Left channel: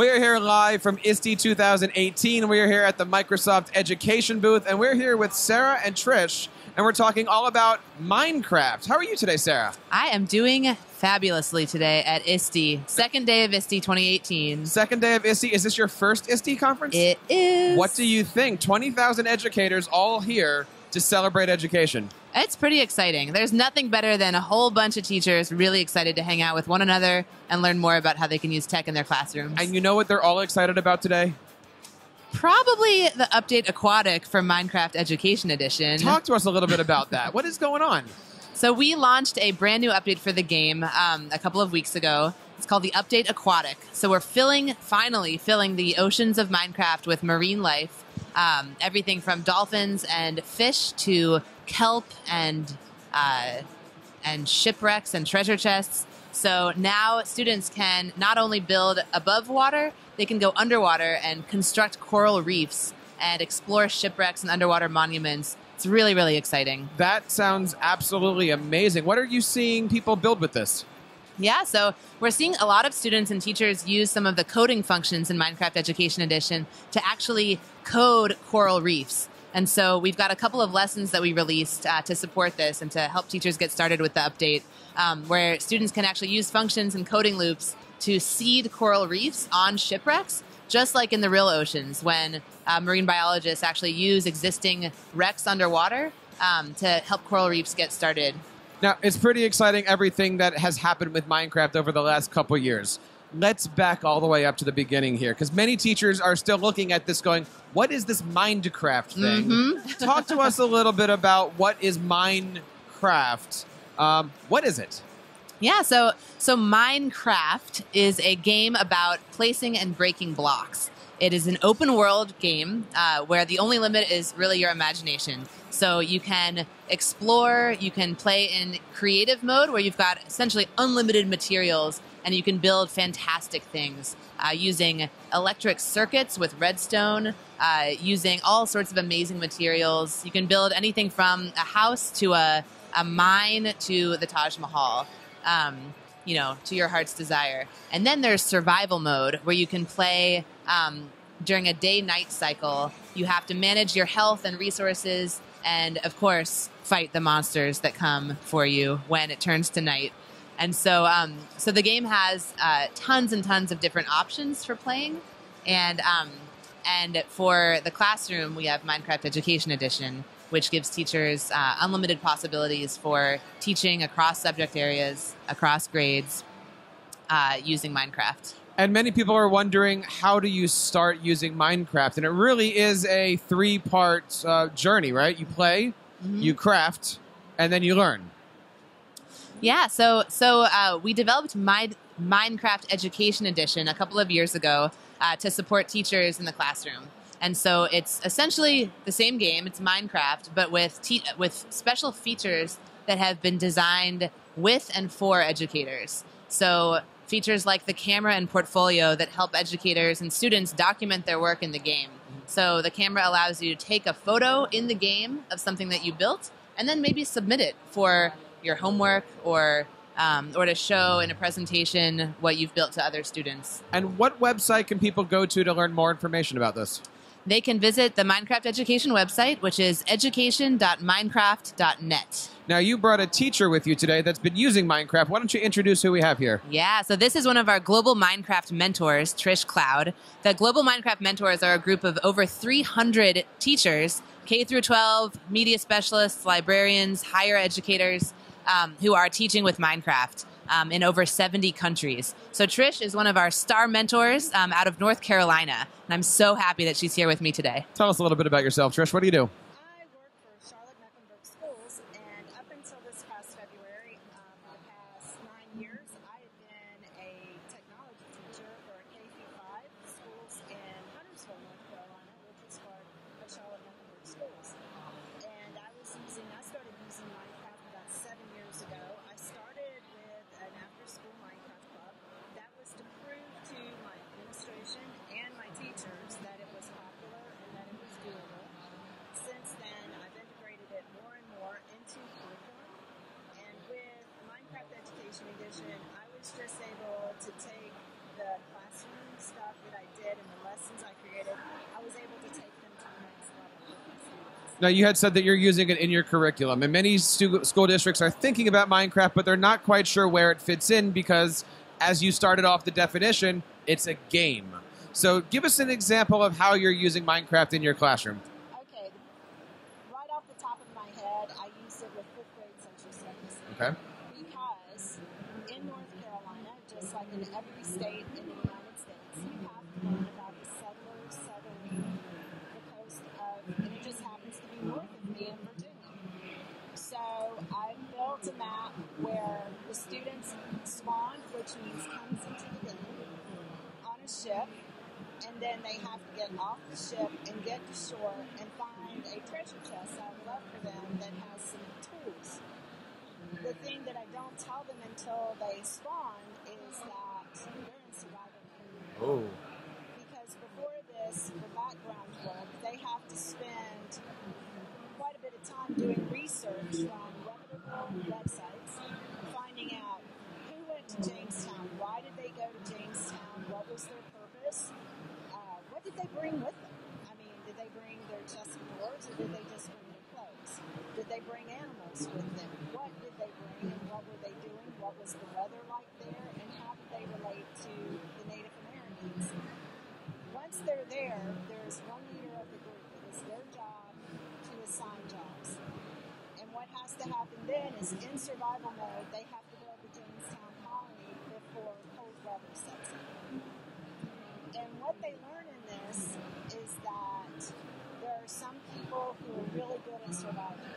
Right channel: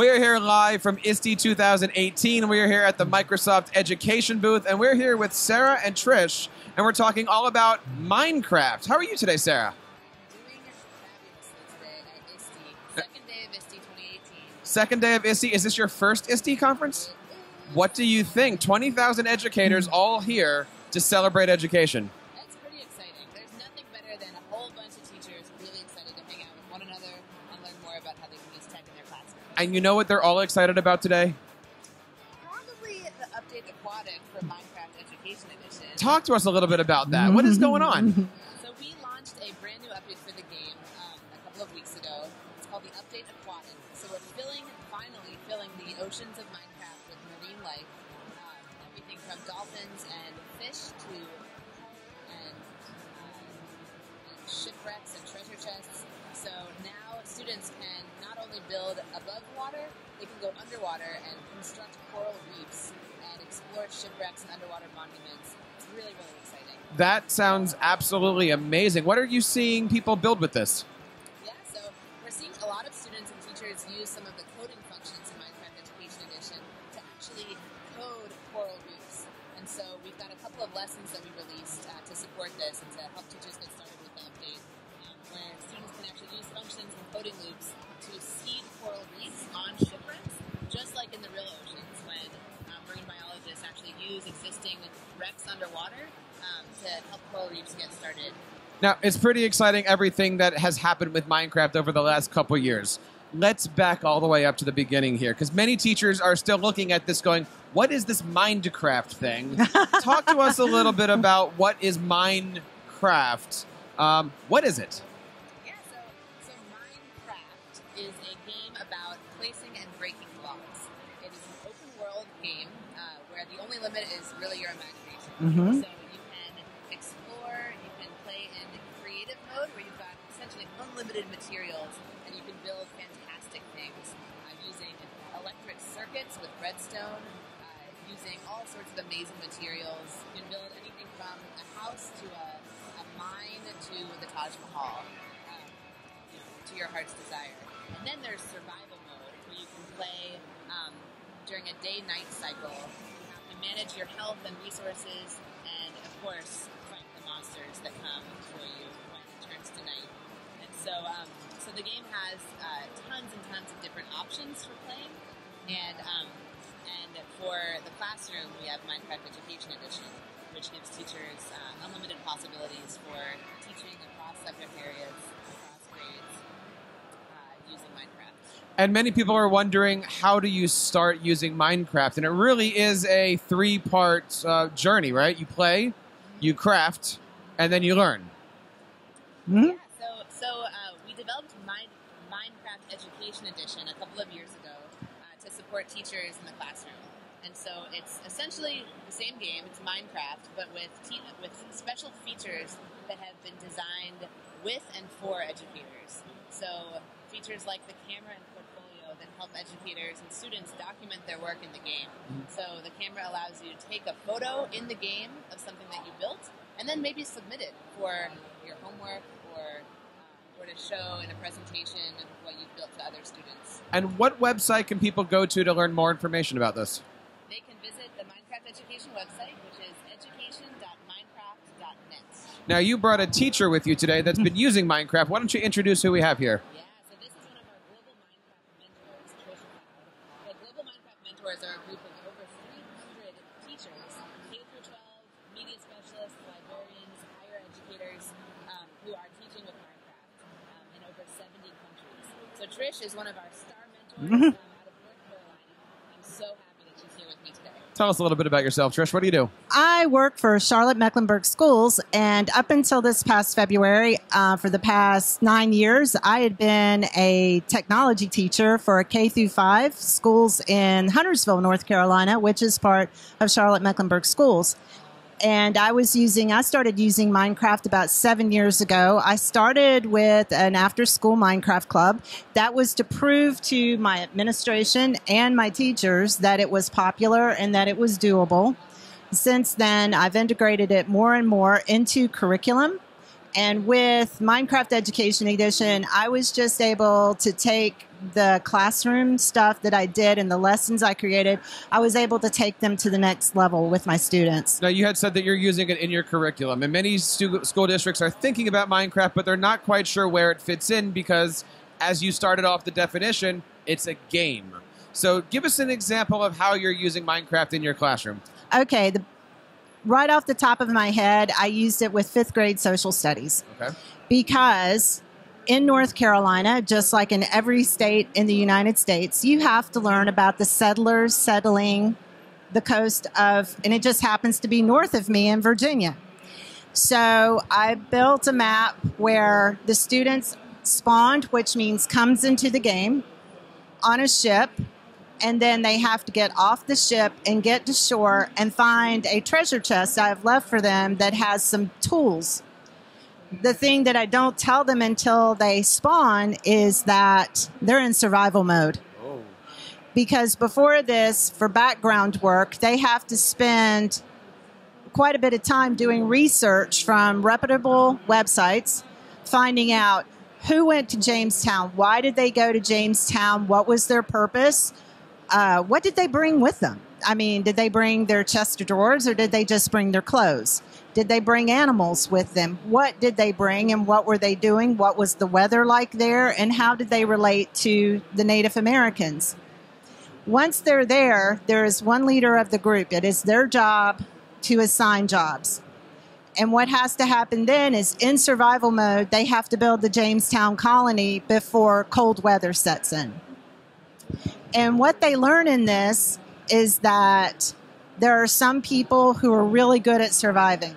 We are here live from ISTE 2018. We are here at the Microsoft Education booth, and we're here with Sara and Trish, and we're talking all about Minecraft. How are you today, Sara? I am doing fabulously today at ISTE. Second day of ISTE 2018. Second day of ISTE. Is this your first ISTE conference? It is. What do you think? 20,000 educators all here to celebrate education. It's pretty exciting. There's nothing better than a whole bunch of teachers really excited to hang out with one another and learn more about how they can use tech in their classrooms. And you know what they're all excited about today? Probably the update Aquatic for Minecraft Education Edition. Talk to us a little bit about that. What is going on? So we launched a brand new update for the game a couple of weeks ago. It's called the Update Aquatic. So we're finally filling the oceans of Minecraft with marine life. Everything from dolphins and fish to kelp and shipwrecks and treasure chests. So now students can not only build above water, they can go underwater and construct coral reefs and explore shipwrecks and underwater monuments. It's really, really exciting. That sounds absolutely amazing. What are you seeing people build with this? Yeah, so we're seeing a lot of students and teachers use some of the coding functions in Minecraft Education Edition to actually code coral reefs. And so we've got a couple of lessons that we released to support this and to help teachers get started with the update, where students can actually use functions and coding loops to seed coral reefs on shipwrecks, just like in the real oceans when marine biologists actually use existing wrecks underwater to help coral reefs get started. Now, it's pretty exciting, everything that has happened with Minecraft over the last couple years. Let's back all the way up to the beginning here, because many teachers are still looking at this going, what is this Minecraft thing? Talk to us a little bit about what is Minecraft. What is it? Yeah, so Minecraft is a game about placing and breaking blocks. It is an open world game where the only limit is really your imagination. So you can explore, you can play in creative mode where you've got essentially unlimited materials and you can build fantastic things using electric circuits with redstone, using all sorts of amazing materials. You can build anything from a house to a mine to the Taj Mahal. You know, to your heart's desire. And then there's survival mode where you can play during a day-night cycle. You have to manage your health and resources and, of course, fight the monsters that come for you when it turns to night. And so so the game has tons and tons of different options for playing. And for the classroom, we have Minecraft Education Edition, which gives teachers unlimited possibilities for teaching across subject areas, across grades, using Minecraft. And many people are wondering, how do you start using Minecraft? And it really is a three-part journey, right? You play, you craft, and then you learn. Yeah, so we developed Minecraft Education Edition a couple of years ago to support teachers in the classroom. And so it's essentially the same game. It's Minecraft, but with special features that have been designed with and for educators. So features like the camera and portfolio that help educators and students document their work in the game. So the camera allows you to take a photo in the game of something that you built and then maybe submit it for your homework or to show in a presentation what you've built to other students. And what website can people go to learn more information about this? They can visit the Minecraft Education website, which is education.minecraft.net. Now, you brought a teacher with you today that's been using Minecraft. Why don't you introduce who we have here? Yeah, so this is one of our Global Minecraft mentors, Trish Cloud. The Global Minecraft mentors are a group of over 300 teachers, K-12, media specialists, librarians, higher educators, who are teaching with Minecraft in over 70 countries. So Trish is one of our star mentors out of North Carolina, and I'm so happy that she's here with me today. Tell us a little bit about yourself, Trish. What do you do? I work for Charlotte Mecklenburg Schools, and up until this past February, for the past 9 years, I had been a technology teacher for a K-5 schools in Huntersville, North Carolina, which is part of Charlotte Mecklenburg Schools. And I started using Minecraft about 7 years ago. I started with an after-school Minecraft club. That was to prove to my administration and my teachers that it was popular and that it was doable. Since then, I've integrated it more and more into curriculum. And with Minecraft Education Edition, I was just able to take the classroom stuff that I did and the lessons I created, I was able to take them to the next level with my students. Now, you had said that you're using it in your curriculum, and many school districts are thinking about Minecraft, but they're not quite sure where it fits in because, as you started off the definition, it's a game. So give us an example of how you're using Minecraft in your classroom. Okay, right off the top of my head, I used it with 5th grade social studies. Okay. Because in North Carolina, just like in every state in the United States, you have to learn about the settlers settling the coast of, and it just happens to be north of me in Virginia. So I built a map where the students spawned, which means comes into the game, on a ship, and then they have to get off the ship and get to shore and find a treasure chest I've left for them that has some tools. The thing that I don't tell them until they spawn is that they're in survival mode. Oh. Because before this, for background work, they have to spend quite a bit of time doing research from reputable websites, finding out who went to Jamestown, why did they go to Jamestown, what was their purpose, what did they bring with them? I mean, did they bring their chest of drawers or did they just bring their clothes? Did they bring animals with them? What did they bring and what were they doing? What was the weather like there and how did they relate to the Native Americans? Once they're there, there is one leader of the group. It is their job to assign jobs. And what has to happen then is in survival mode, they have to build the Jamestown colony before cold weather sets in. And what they learn in this is that there are some people who are really good at surviving.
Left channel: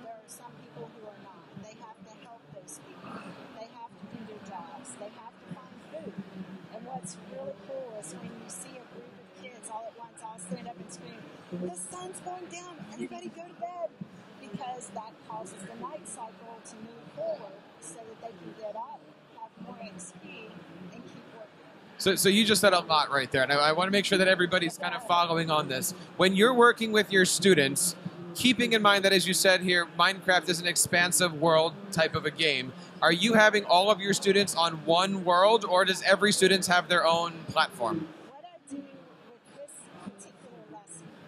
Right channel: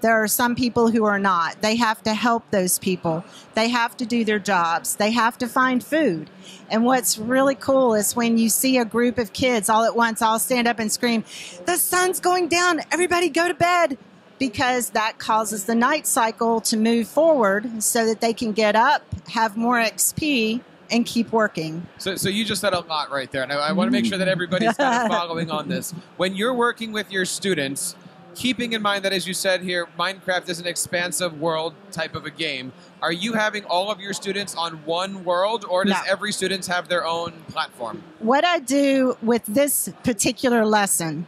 There are some people who are not. They have to help those people. They have to do their jobs. They have to find food. And what's really cool is when you see a group of kids all at once, all stand up and scream, "The sun's going down, everybody go to bed," because that causes the night cycle to move forward so that they can get up, have more XP, and keep working. So you just said a lot right there, and I want to make sure that everybody's kind of following on this. When you're working with your students, keeping in mind that, as you said here, Minecraft is an expansive world type of a game, are you having all of your students on one world, or does every student have their own platform? What I do with this particular lesson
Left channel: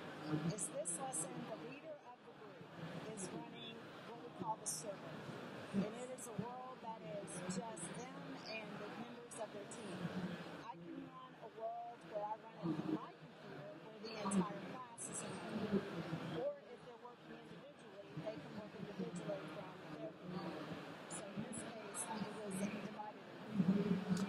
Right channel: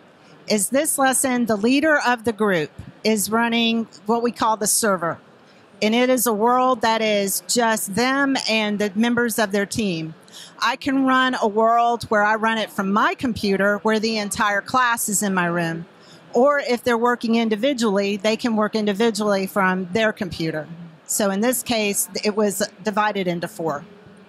is the leader of the group is running what we call the server. And it is a world that is just them and the members of their team. I can run a world where I run it from my computer where the entire class is in my room. Or if they're working individually, they can work individually from their computer. So in this case, it was divided into 4.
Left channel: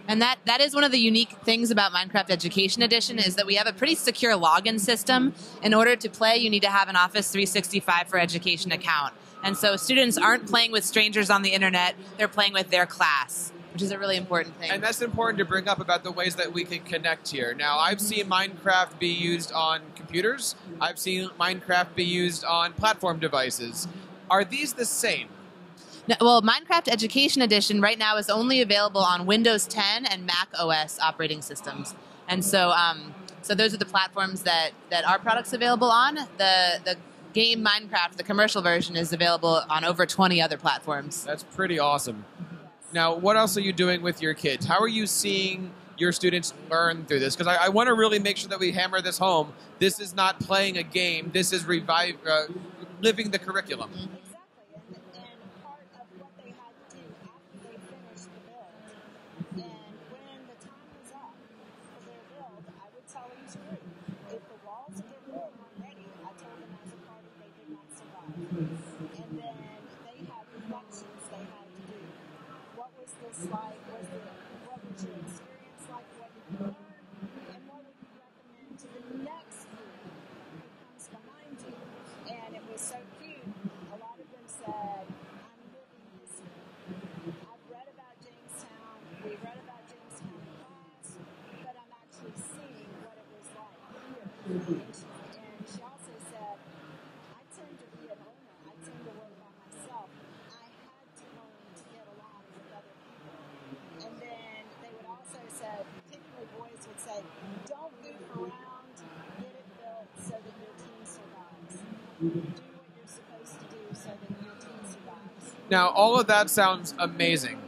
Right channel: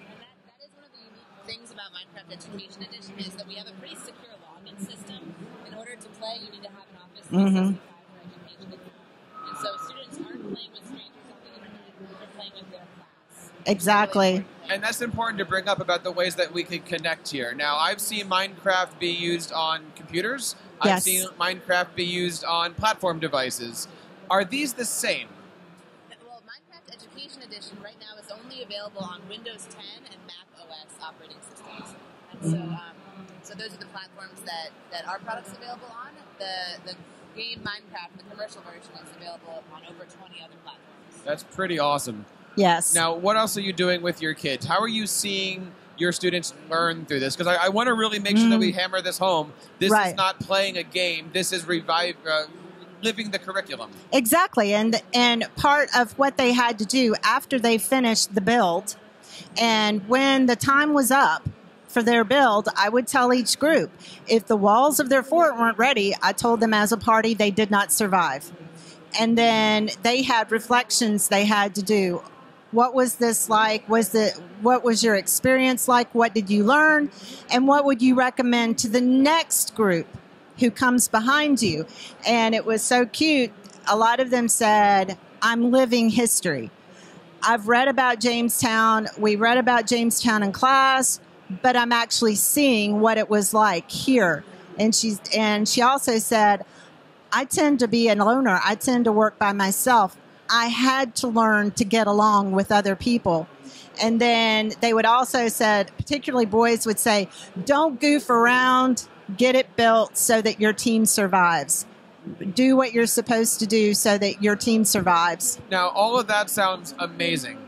And that is one of the unique things about Minecraft Education Edition is that we have a pretty secure login system. In order to play, you need to have an Office 365 for Education account. And so students aren't playing with strangers on the internet, they're playing with their class. Exactly. Which is a really important thing. And that's important to bring up about the ways that we can connect here. Now, I've seen Minecraft be used on computers. I've Yes. seen Minecraft be used on platform devices. Are these the same? No, well, Minecraft Education Edition right now is only available on Windows 10 and Mac OS operating systems. And so so those are the platforms that our product's available on. The game Minecraft, the commercial version, is available on over 20 other platforms. That's pretty awesome. Yes. Now, what else are you doing with your kids? How are you seeing your students learn through this? Because I want to really make sure that we hammer this home. This is not playing a game. This is living the curriculum. Exactly. And part of what they had to do after they finished the build, and when the time was up for their build, I would tell each group, if the walls of their fort weren't ready, I told them as a party they did not survive. And then they had reflections they had to do. What was this like? What was your experience like? What did you learn? And what would you recommend to the next group who comes behind you? And it was so cute. A lot of them said, "I'm living history. I've read about Jamestown. We read about Jamestown in class, but I'm actually seeing what it was like here." And she also said, "I tend to be a loner. I tend to work by myself. I had to learn to get along with other people." And then they would also said, particularly boys would say, "Don't goof around, get it built so that your team survives." do what you're supposed to do so that your team survives. Now, all of that sounds amazing.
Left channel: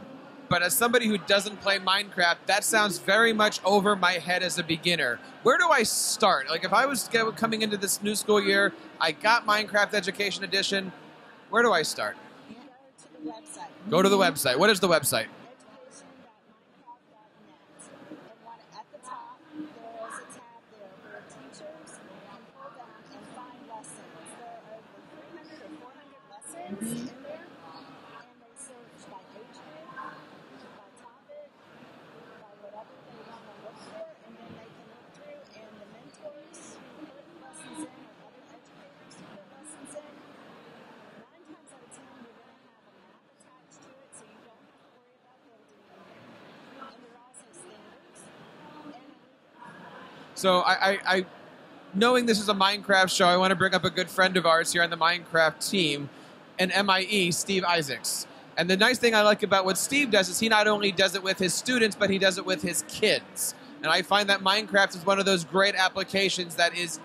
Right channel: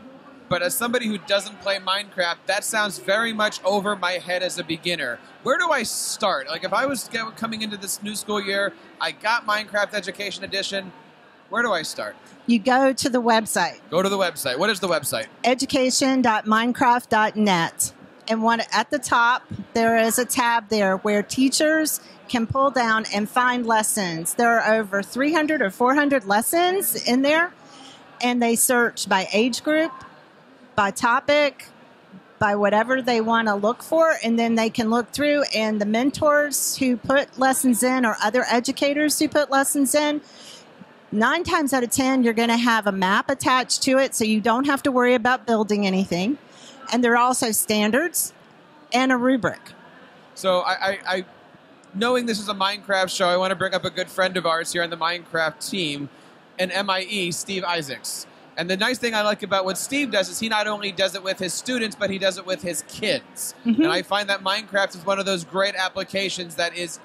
But as somebody who doesn't play Minecraft, that sounds very much over my head as a beginner. Where do I start? Like, if I was coming into this new school year, I got Minecraft Education Edition, where do I start? You go to the website. Go to the website. What is the website? education.minecraft.net. And at the top, there is a tab there where teachers can pull down and find lessons. There are over 300 or 400 lessons in there, and they search by age group, by topic, by whatever they want to look for, and then they can look through, and the mentors who put lessons in or other educators who put lessons in, 9 times out of 10, you're going to have a map attached to it, so you don't have to worry about building anything. And there are also standards and a rubric. So I knowing this is a Minecraft show, I want to bring up a good friend of ours here on the Minecraft team, an MIE, Steve Isaacs. And the nice thing I like about what Steve does is he not only does it with his students, but he does it with his kids. Mm-hmm. And I find that Minecraft is one of those great applications that is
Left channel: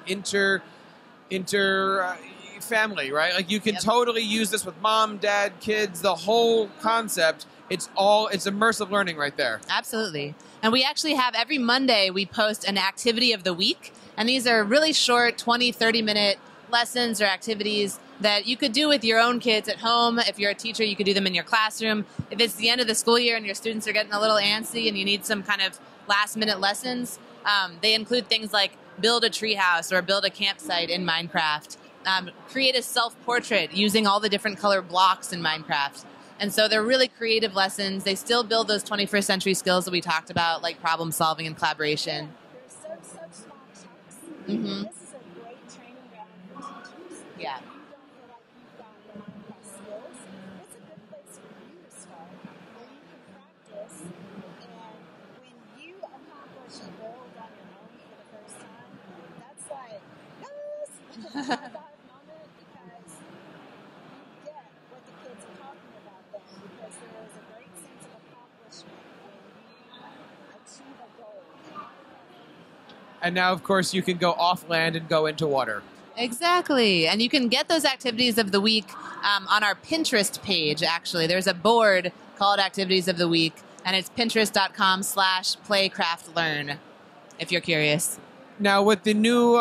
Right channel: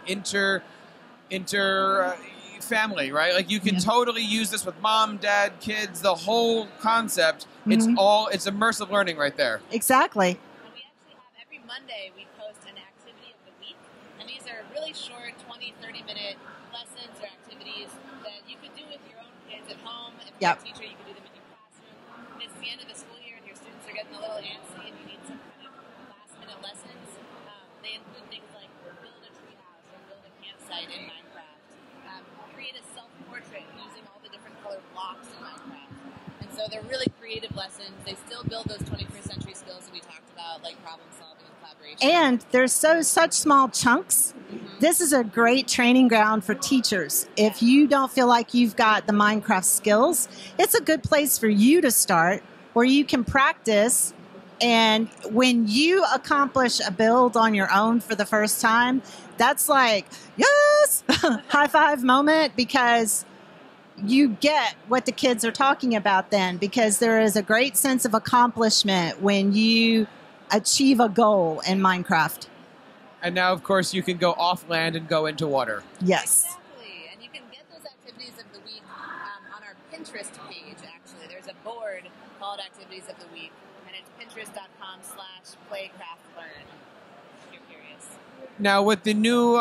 family, right? Like you can totally use this with mom, dad, kids, the whole concept. Mm-hmm. It's immersive learning right there. Exactly. And we actually have every Monday we post an activity of the week. And these are really short 20, 30-minute lessons or activities that you could do with your own kids at home. If you're a teacher, you could do them in your classroom. If it's the end of the school year and your students are getting a little antsy and you need some kind of last-minute lessons, they include things like build a treehouse or build a campsite in Minecraft, create a self-portrait using all the different color blocks in Minecraft. And so they're really creative lessons. They still build those 21st century skills that we talked about, like problem solving and collaboration. And they're such small chunks. Mm-hmm. This is a great training ground for teachers. Yeah. If you don't feel like you've got the Minecraft skills, it's a good place for you to start where you can practice. And when you accomplish a build on your own for the first time, that's like, yes, high five moment, because you get what the kids are talking about then, because there is a great sense of accomplishment when you achieve a goal in Minecraft. And now, of course, you can go off land and go into water. Yes. Exactly. And you can get those activities of the week on our Pinterest page, actually. There's a board called Activities of the Week, and it's pinterest.com/playcraftlearn, if you're curious. Now, with the new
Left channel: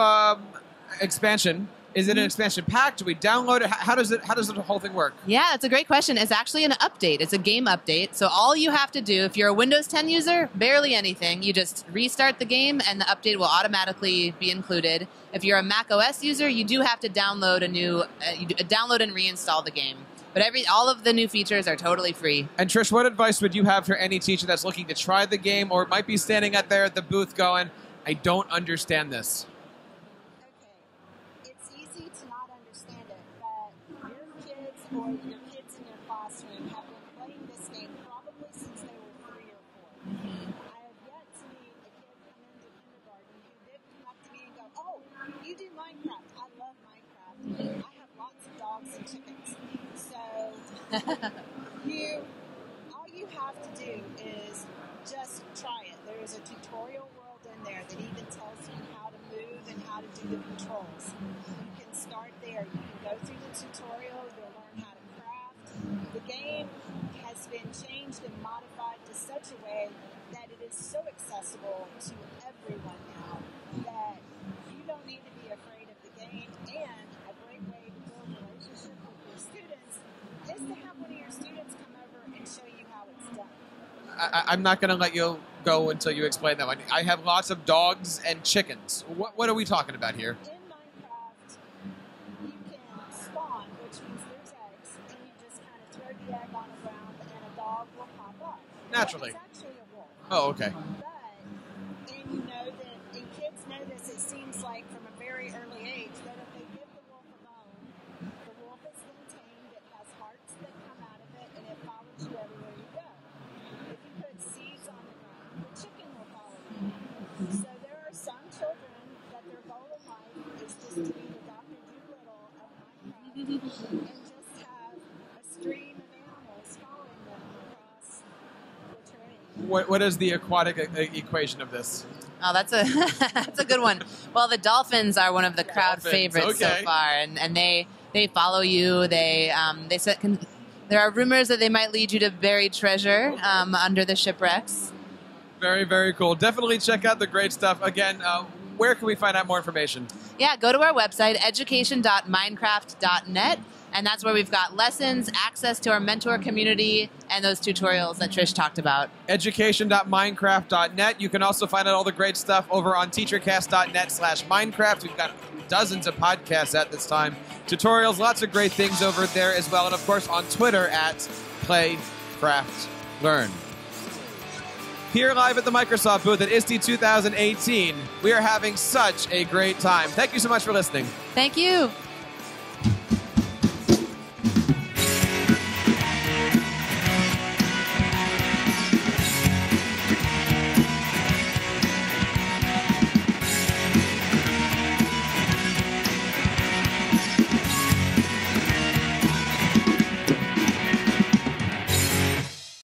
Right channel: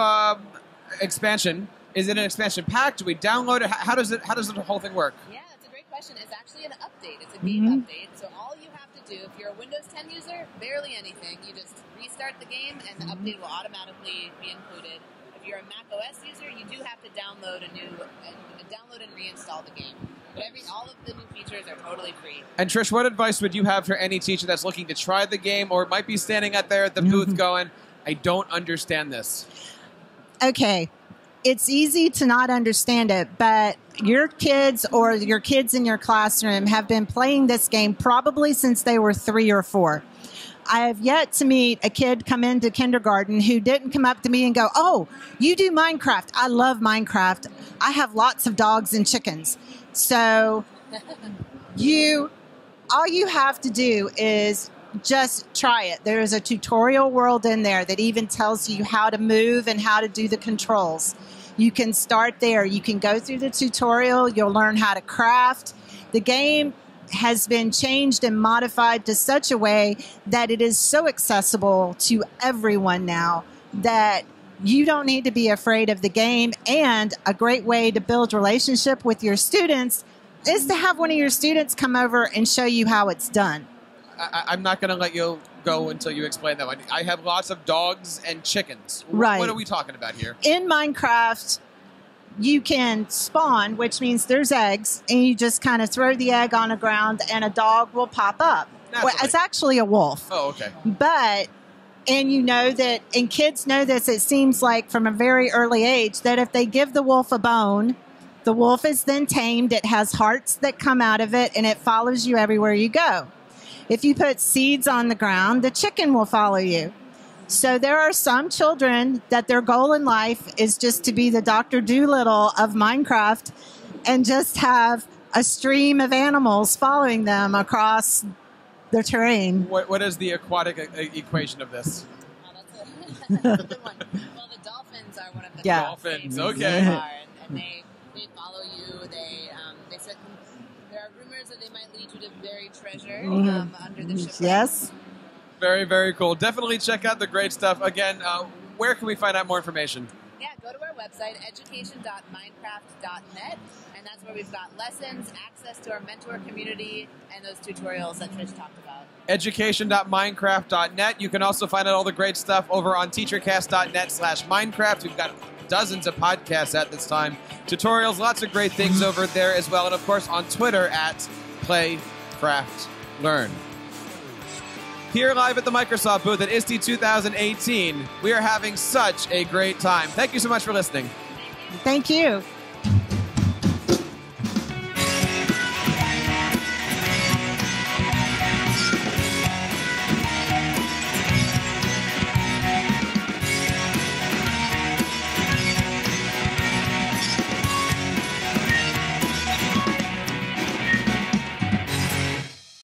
expansion, is it an expansion pack? Do we download it? How does the whole thing work? Yeah, it's a great question. It's actually an update. It's a game update. So all you have to do, if you're a Windows 10 user, barely anything. You just restart the game, and the update will automatically be included. If you're a Mac OS user, you do have to download download and reinstall the game. But all of the new features are totally free. And Trish, what advice would you have for any teacher that's looking to try the game, or might be standing out there at the booth going, I don't understand this? Okay. It's easy to not understand it, but your kids or your kids in your classroom have been playing this game probably since they were 3 or 4. I have yet to meet a kid come into kindergarten who didn't come up to me and go, oh, you do Minecraft. I love Minecraft. I have lots of dogs and chickens. So all you have to do is just try it. There is a tutorial world in there that even tells you how to move and how to do the controls. You can start there. You can go through the tutorial. You'll learn how to craft. The game has been changed and modified to such a way that it is so accessible to everyone now that you don't need to be afraid of the game. And a great way to build relationship with your students is to have one of your students come over and show you how it's done. I'm not going to let you go until you explain that one. I have lots of dogs and chickens. Right. What are we talking about here? In Minecraft, you can spawn, which means there's eggs, and you just kind of throw the egg on the ground, and a dog will pop up. Well, it's actually a wolf. Oh, okay. And you know that, and kids know this, it seems like from a very early age, that if they give the wolf a bone, the wolf is then tamed. It has hearts that come out of it, and it follows you everywhere you go. If you put seeds on the ground, the chicken will follow you. So there are some children that their goal in life is just to be the Dr. Dolittle of Minecraft and just have a stream of animals following them across the terrain. What is the aquatic equation of this? Oh, that's a that's a good one. Well, the dolphins are one of the crowd favorites so far, and they follow you. There are rumors that they might lead you to buried treasure under the shipwreck. Yes. Very, very cool. Definitely check out the great stuff. Again, where can we find out more information? Yeah, go to our website, education.minecraft.net, and that's where we've got lessons, access to our mentor community, and those tutorials that Trish talked about. Education.minecraft.net. You can also find out all the great stuff over on teachercast.net/Minecraft. We've got dozens of podcasts at this time, tutorials, lots of great things over there as well, and of course on Twitter at PlayCraftLearn. Here live at the Microsoft booth at ISTE 2018, we are having such a great time. Thank you so much for listening. Thank you. Thank you.